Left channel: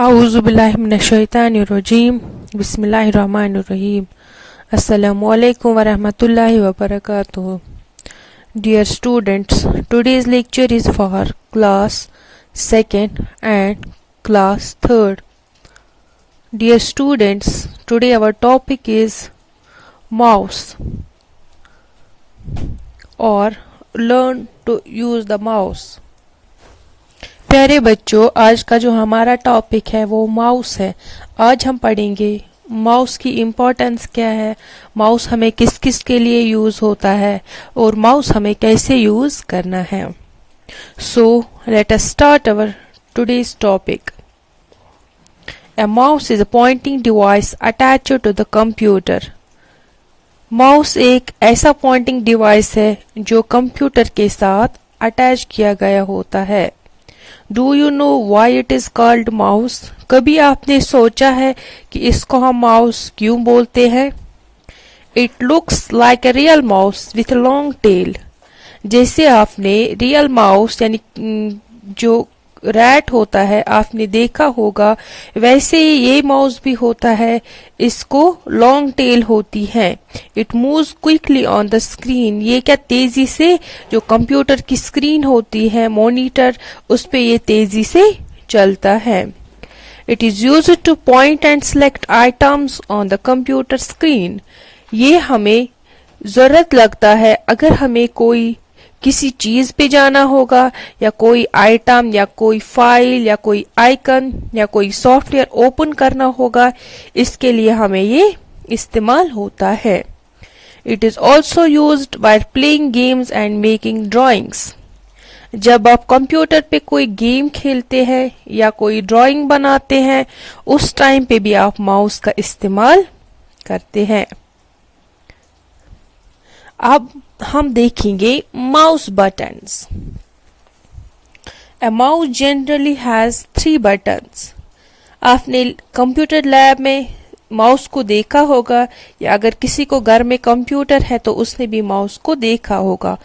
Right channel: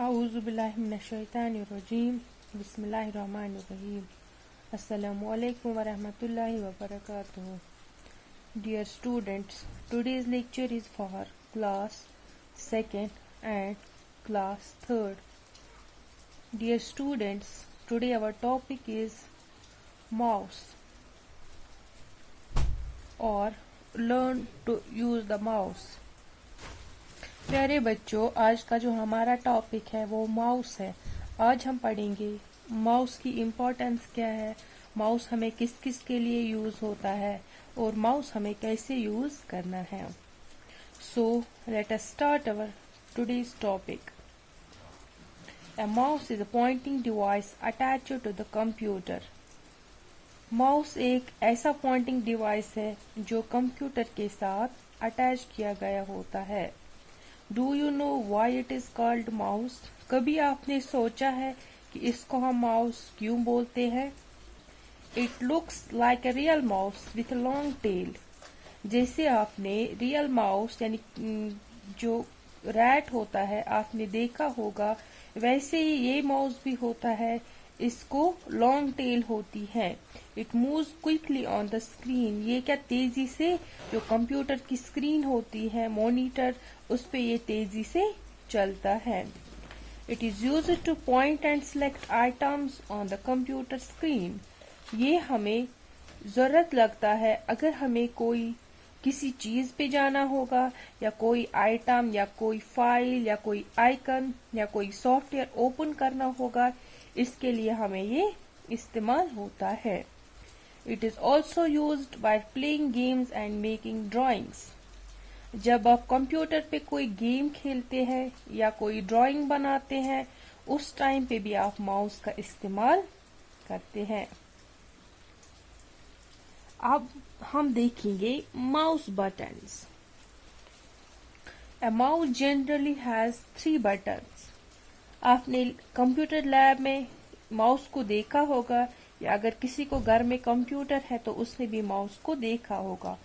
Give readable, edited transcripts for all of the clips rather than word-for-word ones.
आऊज़ुबिल्लाहिमिनश्शैतानिर्रजीम बिस्मिल्लाहिर्रहमानिर्रहीम अस्सलामुअलैकुम वरहमतुल्लाहि वबरकातुहू. Dear students, today's lecture is for class 2nd and class 3rd. Dear students, today our topic is mouse or learn to use the mouse. प्यारे बच्चों, आज का जो हमारा टॉपिक है वो माउस है. आज हम पढ़ेंगे माउस की इम्पोर्टेंस क्या है, माउस हमें किस किस के लिए यूज़ होता है और माउस हमें कैसे यूज़ करना है. So let us start our today's topic. A mouse is a pointing device attached to the computer. Mouse एक ऐसा पॉइंटिंग डिवाइस है जो कंप्यूटर के साथ अटैच किया गया होता है. Do you know why it is called mouse? कभी आपने सोचा है कि इसको हम माउस क्यों बोलते हैं? It looks like a real mouse with long tail. जैसे आपने रियल माउस यानी जो रैट होता है आपने देखा होगा, वैसे ही ये माउस भी होता है. इसको लॉन्ग टेल होती है. It moves quickly on the screen. ये क्या तेजी से जो कंप्यूटर की स्क्रीन होती है, मॉनिटर, उस पे ये तेजी से चलता है. It is used two point and select items on the computer screen. ये हमें जरूरत लगता है अगर हमें कोई किसी चीज पे जाना होगा या कोई आइटम या कोई फाइल या कोई आइकन या कोई सॉफ्टवेयर ओपन करना होगा. इसके लिए हमें ये इस्तेमाल होता है. It is also used while playing games and making drawings. जब आप कंप्यूटर पे कोई गेम खेलते हैं या कोई ड्राइंग बनाते हैं, उस टाइम पे भी आप माउस का इस्तेमाल करते हैं. अब हम देखेंगे mouse buttons. A mouse generally has 3 buttons. आपने कंप्यूटर लैब में माउस को देखा होगा या अगर किसी को घर में कंप्यूटर है तो उसने भी माउस को देखा होगा.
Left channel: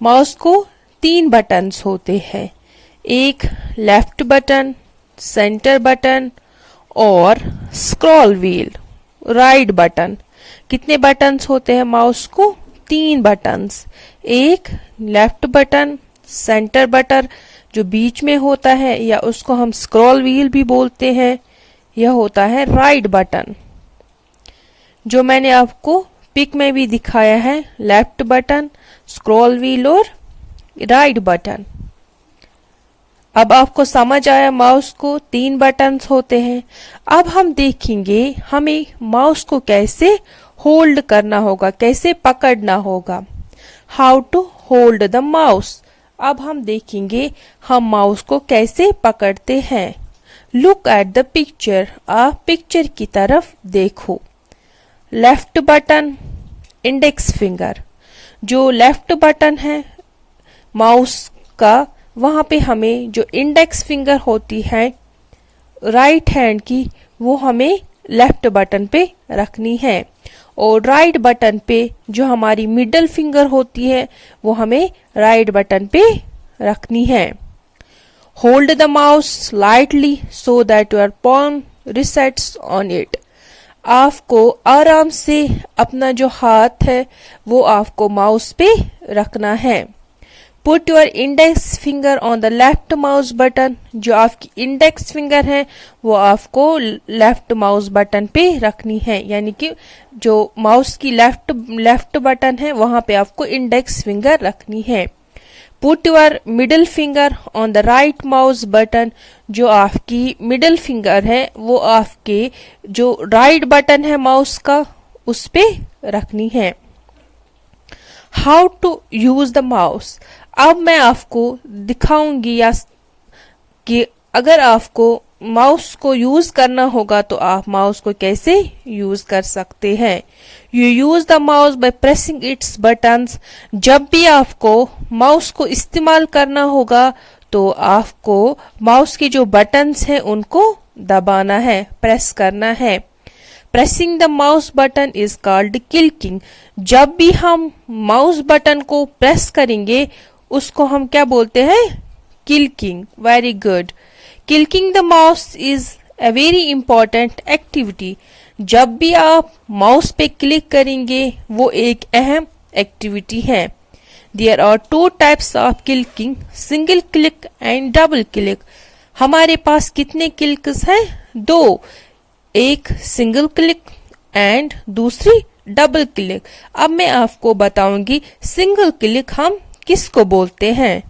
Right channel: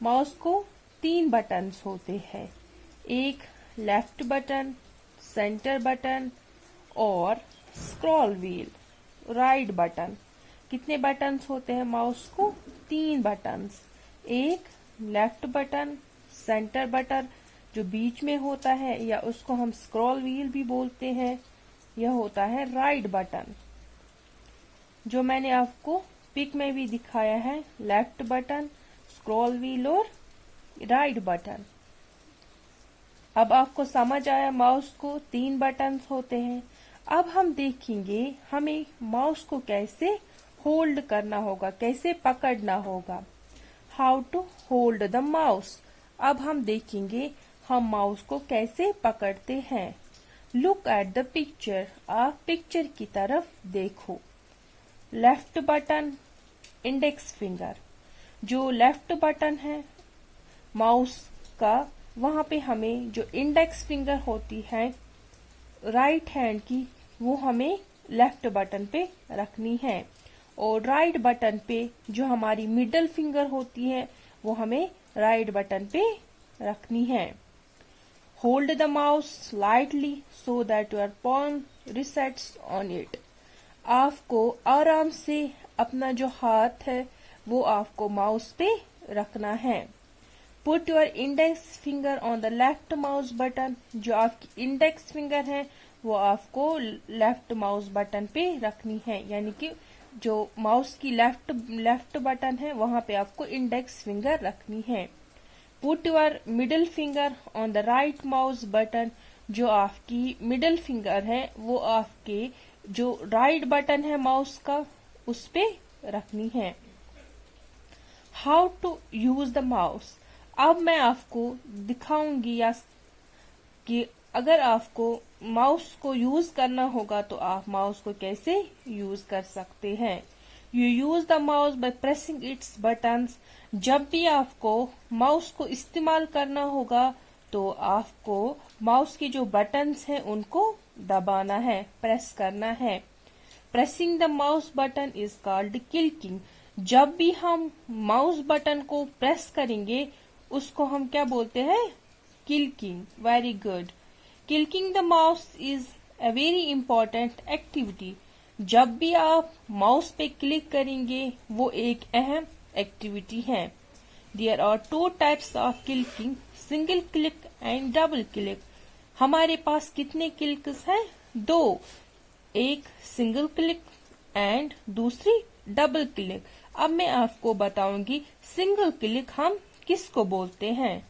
माउस को 3 बटन्स होते हैं. एक लेफ्ट बटन, सेंटर बटन और स्क्रॉल व्हील, राइट बटन. कितने बटन्स होते हैं माउस को? 3 बटन्स. एक लेफ्ट बटन, सेंटर बटन जो बीच में होता है या उसको हम स्क्रॉल व्हील भी बोलते हैं, यह होता है राइट बटन जो मैंने आपको पिक में भी दिखाया है. लेफ्ट बटन, स्क्रॉल व्हील और राइट बटन. अब आपको समझ आया माउस को 3 बटन्स होते हैं. अब हम देखेंगे हमें माउस को कैसे होल्ड करना होगा, कैसे पकड़ना होगा. How to hold the mouse. अब हम देखेंगे हम माउस को कैसे पकड़ते हैं. Look at the picture. आप पिक्चर की तरफ देखो. Left button, index finger. जो लेफ्ट बटन है माउस का, वहां पे हमें जो इंडेक्स फिंगर होती है राइट हैंड की, वो हमें लेफ्ट बटन पे रखनी है. और राइट बटन पे जो हमारी मिडल फिंगर होती है वो हमें राइट बटन पे रखनी है. Hold the mouse lightly so that your palm receipts on it. आपको आराम से अपना जो हाथ है वो आपको माउस पे रखना है. Put your index finger on the left mouse button. जो आपकी इंडेक्स फिंगर है वो आपको लेफ्ट माउस बटन पे रखनी है, यानी कि जो माउस की लेफ्ट बटन है वहां पे आपको इंडेक्स फिंगर रखनी है. Put your middle finger on the right mouse button. जो आपकी मिडिल फिंगर है वो आपके जो राइट बटन है माउस का उस पे रखनी है. How to use the mouse. अब मैं आपको दिखाऊंगी या कि अगर आपको माउस को यूज करना होगा तो आप माउस को कैसे यूज कर सकते हैं. You use the mouse by pressing it's buttons. जब भी आपको माउस को इस्तेमाल करना होगा तो आपको माउस के जो बटन्स हैं उनको दबाना है, प्रेस करना है. Pressing the mouse button is called clicking. जब भी हम माउस बटन को प्रेस करेंगे उसको हम क्या बोलते हैं? Clicking. Very good. Clicking the mouse is a very important activity. जब भी आप माउस पे क्लिक करेंगे वो एक अहम एक्टिविटी है. There are two types of clicking, single click and double click. हमारे पास कितने क्लिक्स हैं? दो. एक सिंगल क्लिक एंड दूसरी डबल क्लिक. अब मैं आपको बताऊंगी सिंगल क्लिक हम किसको बोलते हैं.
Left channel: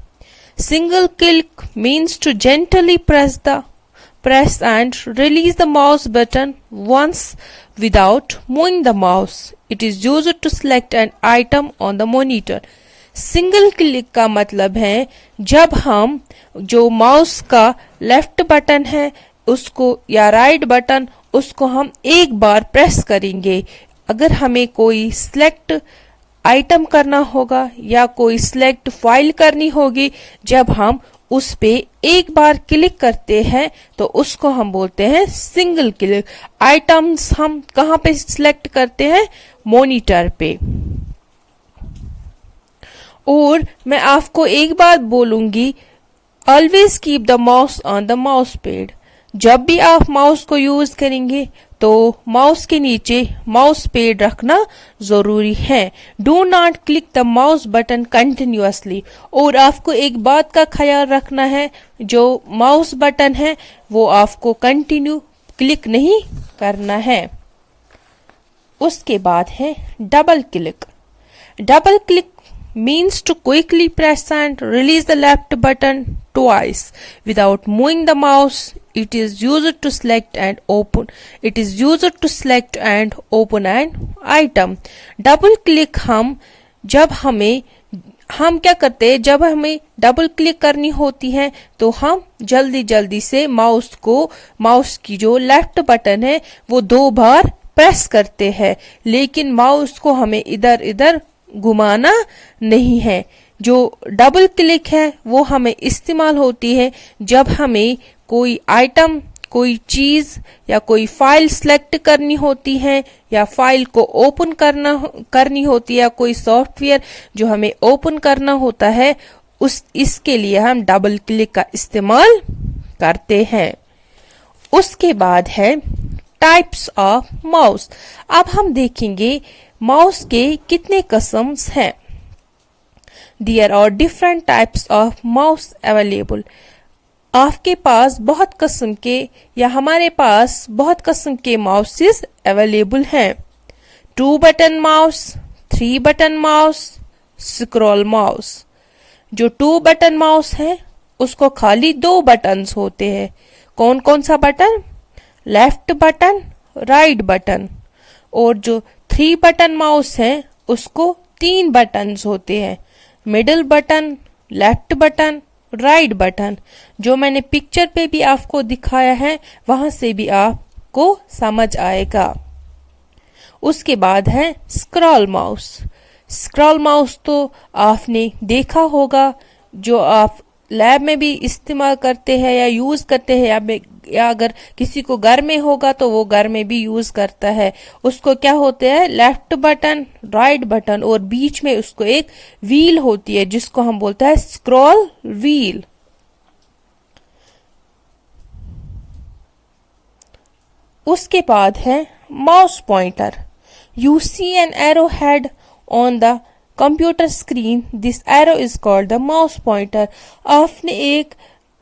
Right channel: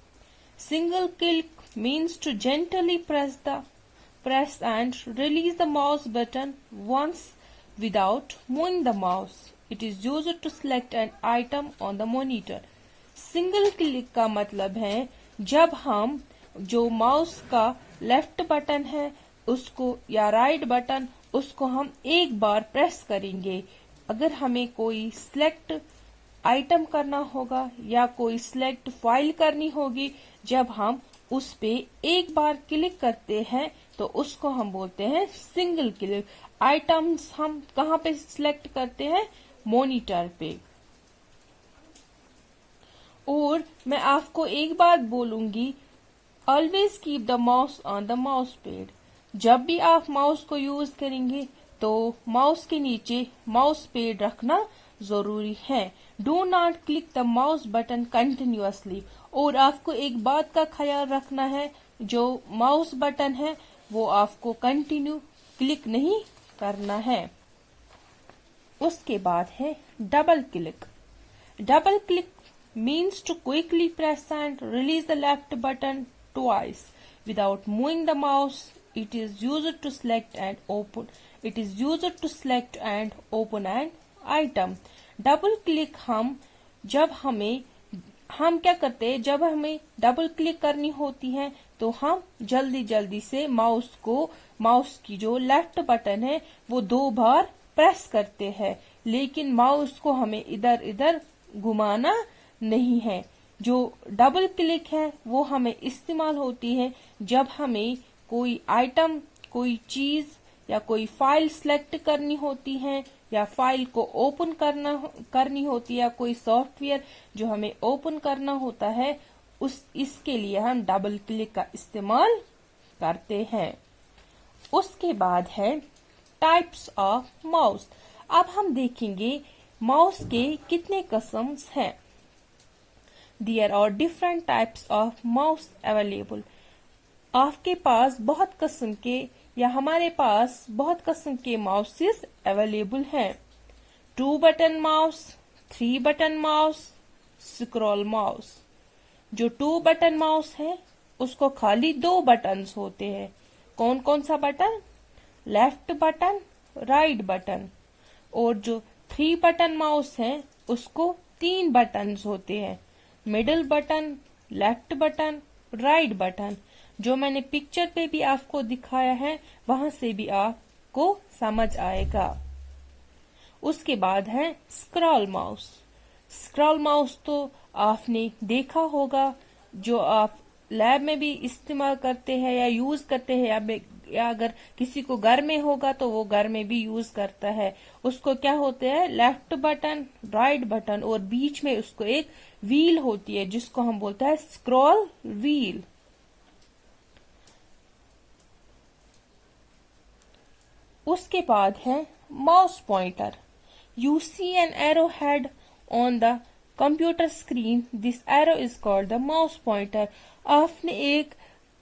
Single click means to gently press and release the mouse button once without moving the mouse. It is used to select an item on the monitor. Single click का मतलब है जब हम जो माउस का लेफ्ट बटन है उसको या राइट बटन उसको हम एक बार प्रेस करेंगे. अगर हमें कोई सिलेक्ट आइटम करना होगा या कोई सिलेक्ट फाइल करनी होगी, जब हम उस पे एक बार क्लिक करते हैं तो उसको हम बोलते हैं सिंगल क्लिक. आइटम्स हम कहाँ पे सिलेक्ट करते हैं? मॉनिटर पे. और मैं आपको एक बात बोलूंगी, always keep the mouse on the mouse pad. जब भी आप माउस को यूज करेंगे तो माउस के नीचे माउस पैड रखना जरूरी है. Do not click the mouse button continuously. और आपको एक बात का ख्याल रखना है, जो माउस बटन है वो आपको कंटिन्यू क्लिक नहीं करना है. उसके बाद है double click. Double click means to quickly press and release the left button twice without moving the mouse. It is used to select and open. It is used to select and open an item. Double click हम क्या करते हैं, जब हमें double click करनी होती है तो हम जल्दी जल्दी से माउस की जो लेफ्ट बटन है वो 2 बार प्रेस करते हैं, लेकिन माउस को हमें इधर इधर घुमाना नहीं है. जो डबल क्लिक है वो हमें इस्तेमाल होती है जब हमें कोई आइटम, कोई चीज या कोई फाइल सिलेक्ट करनी होती है या फाइल को ओपन करनी होती है, कोई सॉफ्टवेयर जो हमें ओपन करना होता है, इसके लिए हम डबल क्लिक का इस्तेमाल करते हैं. उसके बाद है टाइप्स ऑफ माउस. अब हम देखेंगे माउस के कितने किस्म्स हैं. There are different types of mouse available. आपके पास बहुत किस्म के या हमारे पास बहुत किस्म के माउसेस अवेलेबल हैं. 2 button mouse, 3 button mouse, scroll mouse. जो 2 बटन माउस है उसको खाली 2 बटन्स होते हैं. कौन कौन सा button? Left button, right button. और जो 3 बटन माउस है उसको 3 बटन्स होते हैं. Middle button, left button, right button. जो मैंने पिक्चर पे भी आपको दिखाया है वहां से भी आपको समझ आएगा. उसके बाद है स्क्रॉल माउस. स्क्रॉल माउस तो आपने देखा होगा, जो आप लैब में भी इस्तेमाल करते हैं या यूज करते हैं, या अगर किसी को घर में होगा तो वो घर में भी यूज करता है. उसको क्या होते हैं? लेफ्ट बटन, राइट बटन और बीच में उसको एक व्हील होती है जिसको हम बोलते हैं स्क्रॉल व्हील. उसके बाद है mouse pointer. You see an arrow head on the computer screen. This arrow is called the mouse pointer. आपने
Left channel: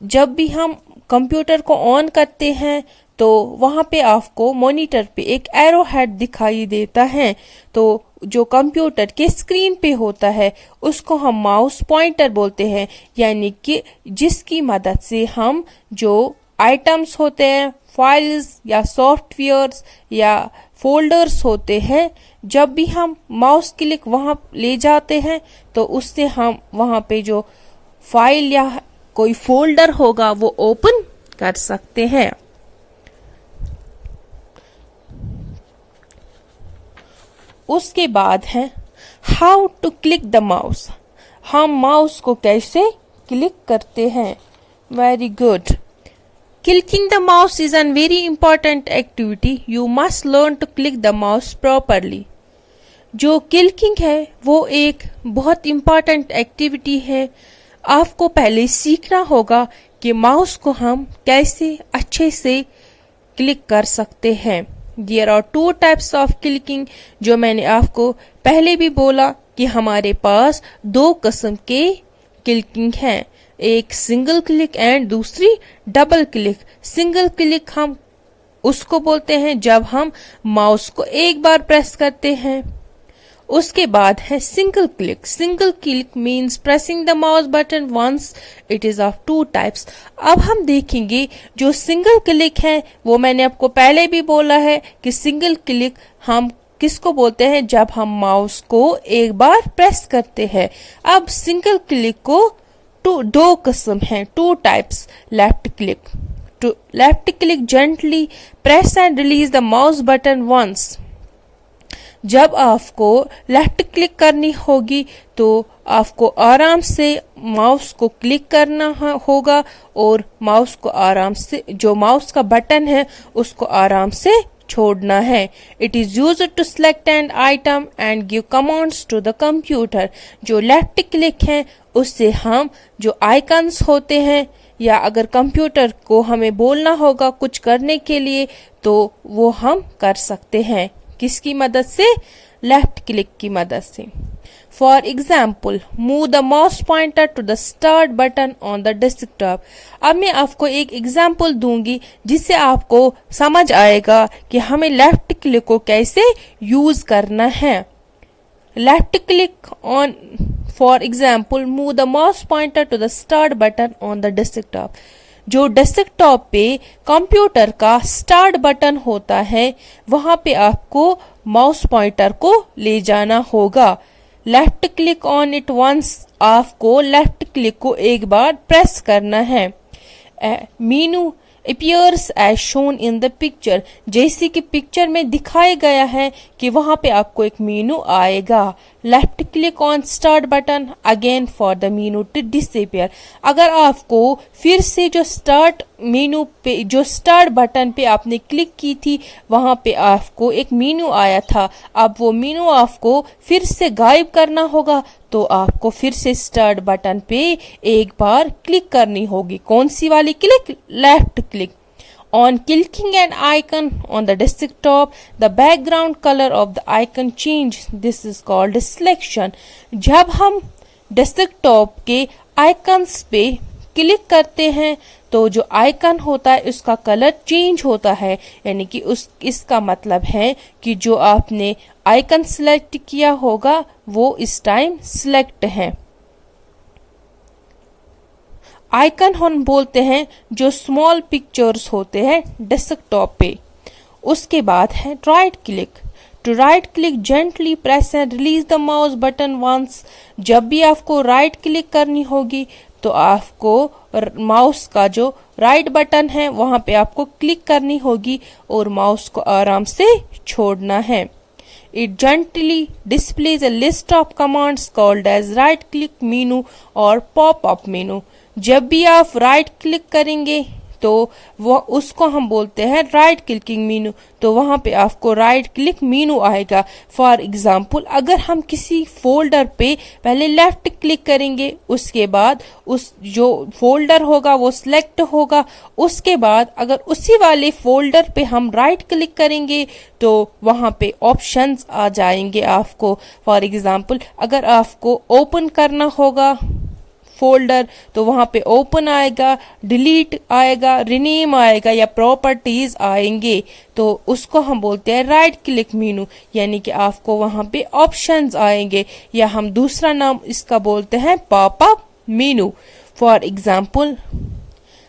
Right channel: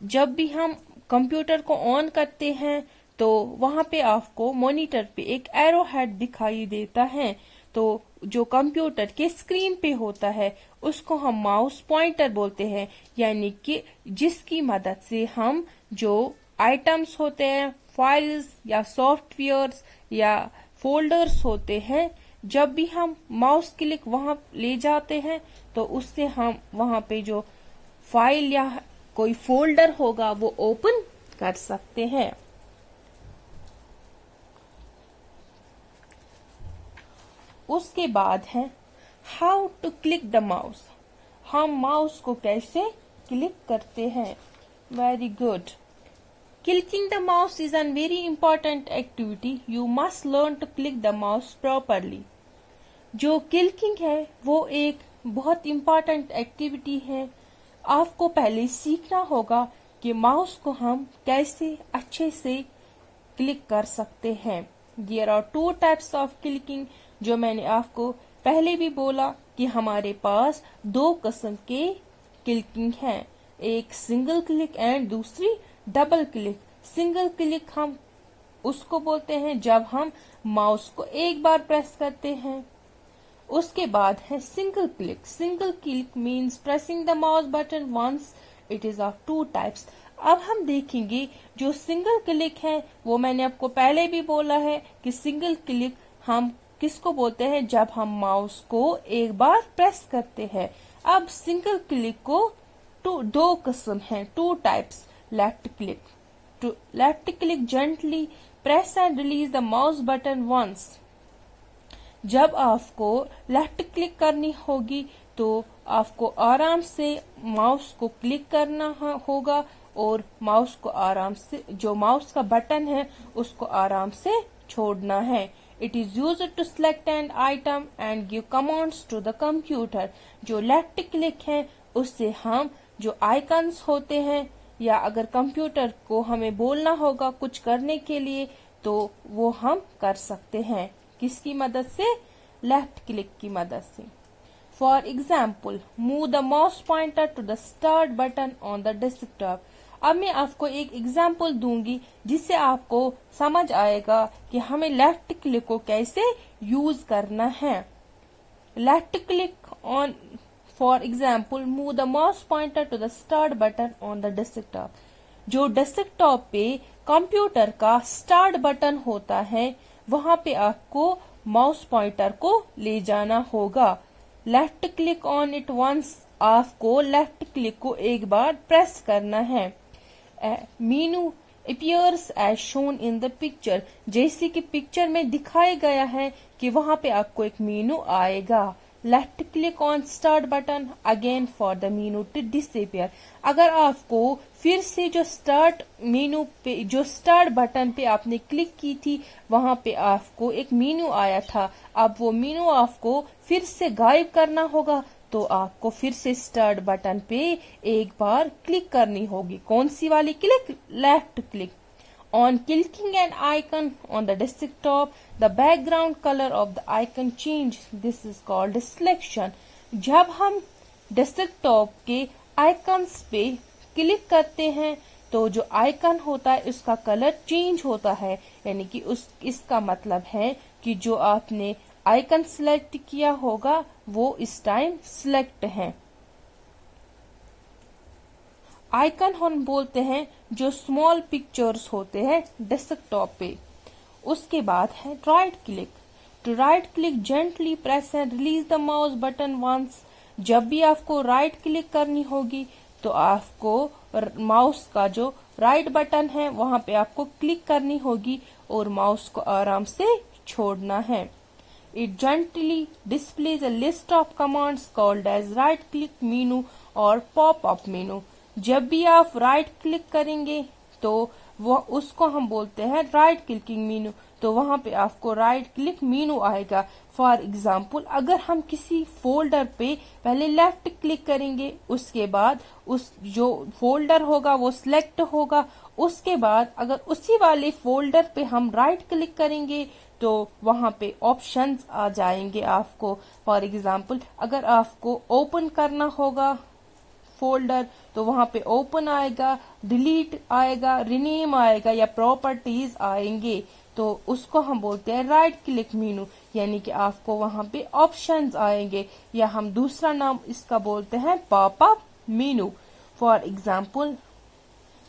जब भी हम कंप्यूटर को ऑन करते हैं तो वहां पे आपको मॉनिटर पे एक एरो हेड दिखाई देता है, तो जो कंप्यूटर के स्क्रीन पे होता है उसको हम माउस पॉइंटर बोलते हैं. यानी कि जिसकी मदद से हम जो आइटम्स होते हैं, फाइल्स या सॉफ्टवेयर्स या फोल्डर्स होते हैं, जब भी हम माउस क्लिक वहां ले जाते हैं तो उससे हम वहां पे जो फाइल या कोई फोल्डर होगा वो ओपन कर सकते हैं. उसके बाद है how to click the mouse. हम माउस को कैसे क्लिक करते हैं. Very good. Clicking the mouse is an very important activity. You must learn to click the mouse properly. जो क्लिकिंग है वो एक बहुत इंपॉर्टेंट एक्टिविटी है. आपको पहले सीखना होगा कि माउस को हम कैसे अच्छे से क्लिक कर सकते हैं। There are two types of clicking, जो मैंने आपको पहले भी बोला कि हमारे पास दो किस्म के क्लिकिंग हैं, एक सिंगल क्लिक एंड दूसरी डबल क्लिक। सिंगल क्लिक हम उसको बोलते हैं जब हम माउस को एक बार प्रेस करते हैं। उसके बाद है single click. Single click means pressing the mouse button once. It is of two types. अब हम देखेंगे जो सिंगल क्लिक है वो मैंने आपको पहले भी बोला है कि सिंगल क्लिक हम किसको बोलते हैं जब हम माउस को एक बार प्रेस करते हैं। अब सिंगल क्लिक को दो किस्म हैं, two types. Left click, to left click gently press and release the mouse button once. जब आपको लेफ्ट क्लिक करनी होगी तो आपको आराम से माउस को क्लिक करना होगा और माउस को आराम से, जो माउस का बटन है उसको आराम से छोड़ना है। It is used to select an item and give commands to the computer. जो लेफ्ट क्लिक है उससे हम जो आइकन्स होते हैं या अगर कंप्यूटर को हमें बोलना होगा कुछ करने के लिए तो वो हम कर सकते हैं। किसकी मदद से? लेफ्ट क्लिक की मदद से। For example, move the mouse pointer to the start button on the desktop. अब मैं आपको एक एग्जाम्पल दूंगी जिससे आपको समझ आएगा कि हमें लेफ्ट क्लिक को कैसे यूज करना है। Left click on, for example, move the mouse pointer to the start button on the desktop. जो डेस्कटॉप पे कंप्यूटर का स्टार्ट बटन होता है वहां पे आपको माउस पॉइंटर को ले जाना होगा। Left click on it once, आपको लेफ्ट क्लिक को एक बार प्रेस करना है। मेनू appears as shown in the picture, जैसे कि पिक्चर में दिखाया गया है कि वहां पे आपको एक मेनू आएगा। Left click on start button again for the menu to disappear. अगर आपको फिर से जो स्टार्ट मेनू पे, जो स्टार्ट बटन पे आपने क्लिक की थी वहां पे आपको एक मेनू आया था, अब वो मेनू आपको फिर से गायब करना होगा तो आपको फिर से स्टार्ट बटन पे एक बार क्लिक करनी होगी। कौन सी वाली click? Left click. On clicking an icon on the desktop, the background color of the icon changes. This is called selection. जब हम डेस्कटॉप के आइकन्स पे क्लिक करते हैं तो जो आइकन होता है उसका कलर चेंज होता है, यानी कि इसका मतलब है कि जो आपने आइकन सिलेक्ट किया होगा वो इस टाइम सिलेक्ट है। आइकन हम बोलते हैं जो स्मॉल पिक्चर्स होते हैं डेस्कटॉप पे। उसके बाद है right click. To right click gently press and release the mouse button once. जब भी आपको राइट क्लिक करनी होगी तो आपको माउस का जो राइट बटन है वहां पे आपको क्लिक करनी होगी और माउस को आराम से छोड़ना है। It gently displays a list of commands called as right click menu और pop up menu। जब भी आप राइट क्लिक करेंगे तो वो उसको हम बोलते हैं राइट क्लिकिंग मेनू, तो वहां पे आपको राइट क्लिक मेनू आएगा। फॉर एग्जाम्पल, अगर हम किसी फोल्डर पे पहले लेफ्ट क्लिक करेंगे उसके बाद उस जो फोल्डर होगा वो सिलेक्ट होगा, उसके बाद अगर उसी वाले फोल्डर पे हम राइट क्लिक करेंगे तो वहां पे ऑप्शंस आ जाएंगे आपको। फॉर एग्जाम्पल, अगर आपको ओपन करना होगा फोल्डर तो वहां पे ओपन आएगा, डिलीट आएगा, रिनेम आएगा या प्रॉपर्टीज आएंगे, तो उसको हम बोलते हैं राइट क्लिक मेनू, यानी कि आपको वहां पे ऑप्शंस आएंगे या हम दूसरा नाम इसका बोलते हैं pop up menu. For example,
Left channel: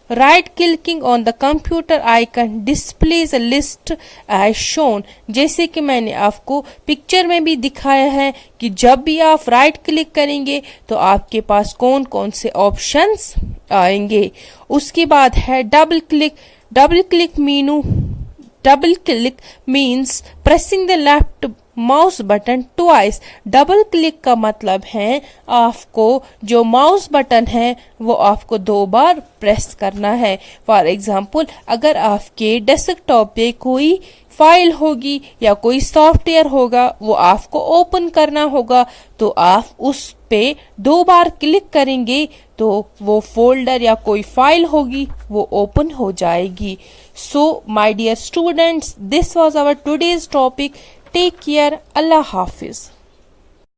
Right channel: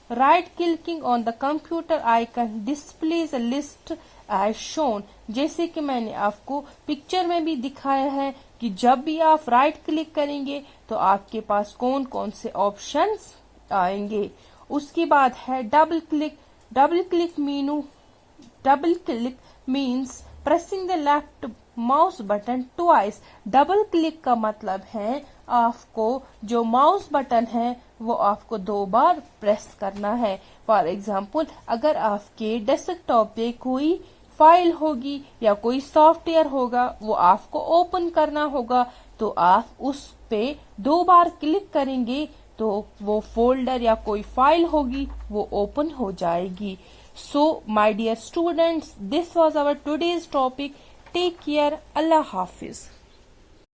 right clicking on the computer icon displays a list as shown. जैसे कि मैंने आपको पिक्चर में भी दिखाया है कि जब भी आप राइट क्लिक करेंगे तो आपके पास कौन कौन से ऑप्शंस आएंगे। उसके बाद है double click. Double click menu, double click means pressing the left mouse button twice. Double click का मतलब है आपको जो माउस बटन है वो आपको 2 बार प्रेस करना है। फॉर एग्जाम्पल, अगर आपके डेस्कटॉप पे कोई फाइल होगी या कोई सॉफ्टवेयर होगा वो आपको ओपन करना होगा, तो आप उस पे 2 बार क्लिक करेंगे तो वो फोल्डर या कोई फाइल होगी वो ओपन हो जाएगी। So my dear students, this was our today's topic. Take care. अल्लाह हाफिज।